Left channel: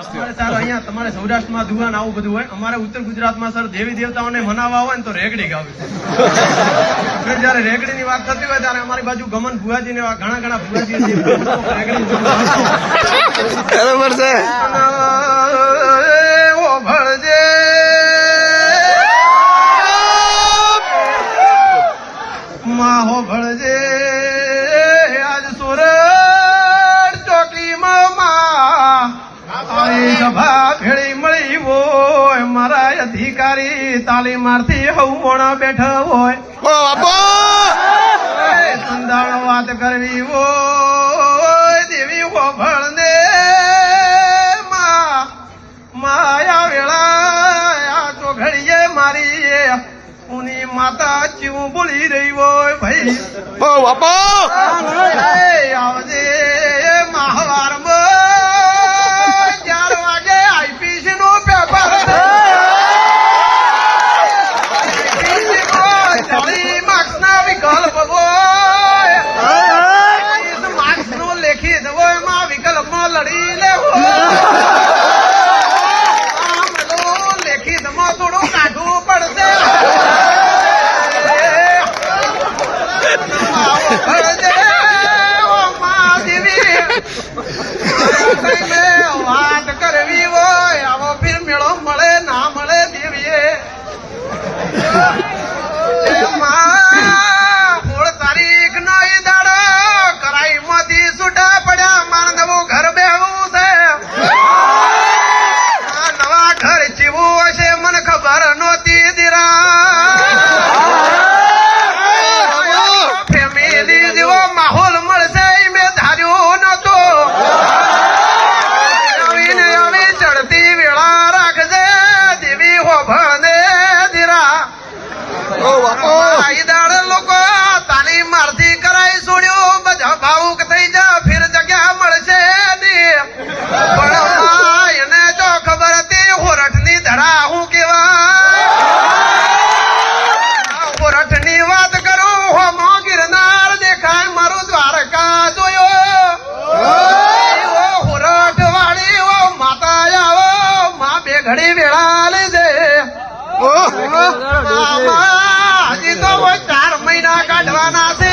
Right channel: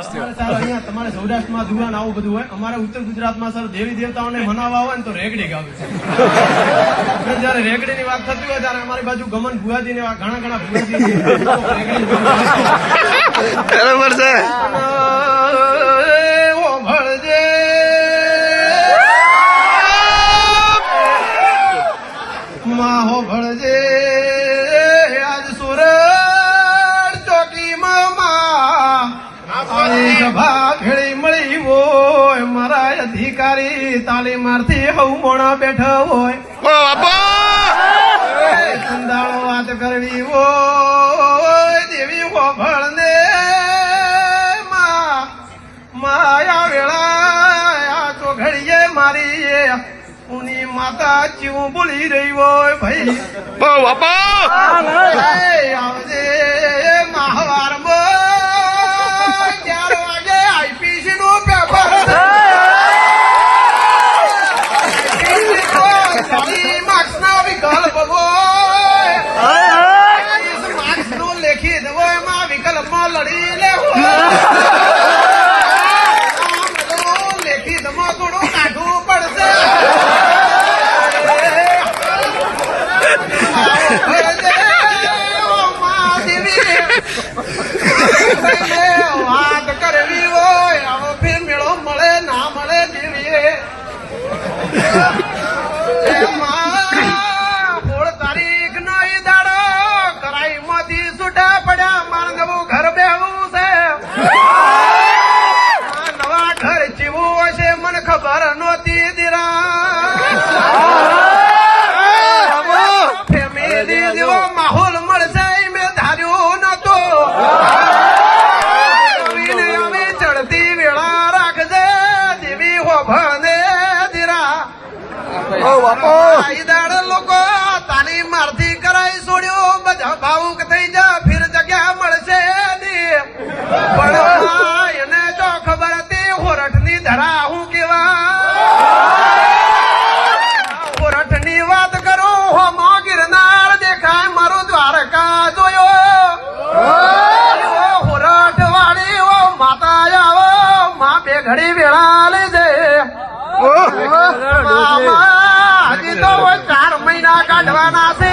તમારે સૌરાષ્ટ્રમાં ધુવાન આવું બધું હોય, અમારે ઉત્તર ગુજરાતમાં સર દેવી દેવતાઓને મનાવવા હોય ને તો રેગડી ગાવે છે. જયારે રેગડી ની વાત થતી હોય ત્યારે અમારી બાજુ ગમન ભુવાજી ને ઘણા ભુવાજી રેગડી બરાબર છે. ભળજે માહો ભળજે આજ સુરત ચોકીમાં સભા ભેળી મળી હોય, મારા અધિકારી તાલીમાર્થી હવ મોણા બેઠા હોય, સંદાળ વાત કરવી હોય દેવી હો ભળને માયા વેળા તો ઘડીએ મારી ઉની માતા ચીવું બોલી રહી હોય ભાઈ આવજે મહાવારમાં 4 વાગે આઈપીસી નું પેપર માર્ક્સ ના વિકલ્પ હોય, માર્ક્સ નું લેખિત હોય એમાં વિકલ્પમાં લડી લેવું લેખિતમાં થોડું કાઢવું પડશે. વાત કરવી હોય આવો ફી મેળો મળે ના મળે દેવીએ 16 તારીખ નો ઈ દાડો કરાઈ માંથી છૂટા પડ્યા, મારે નવું ઘર બેહવું છે. નવા ઘર જીવું હશે મને ખબર નહોતી દીરા ફેમિલી જેવો માહોલ મળશે મેં ધાર્યું નતો. આવી ચડતી વેળા રાખજે દેવી હોભળને દીરા. દાડે લોકો તાલીમ મારથી કરાઈ છોડ્યું, બધા ભાવુક થઈ જા ફિર જગ્યા મળશે પણ એને તો ખબર હતી હોરઠ ની ધરા હું કેવાય. હોરઠ ની વાત કરું હોમો ગિરનાર દેખાય મારું દ્વારકા જોયો. હોરઠ વાળી ઓ માતા આવો માં બે ઘડી વેળા લેજે. હજી તો 4 મહિના કાઢવાના છે.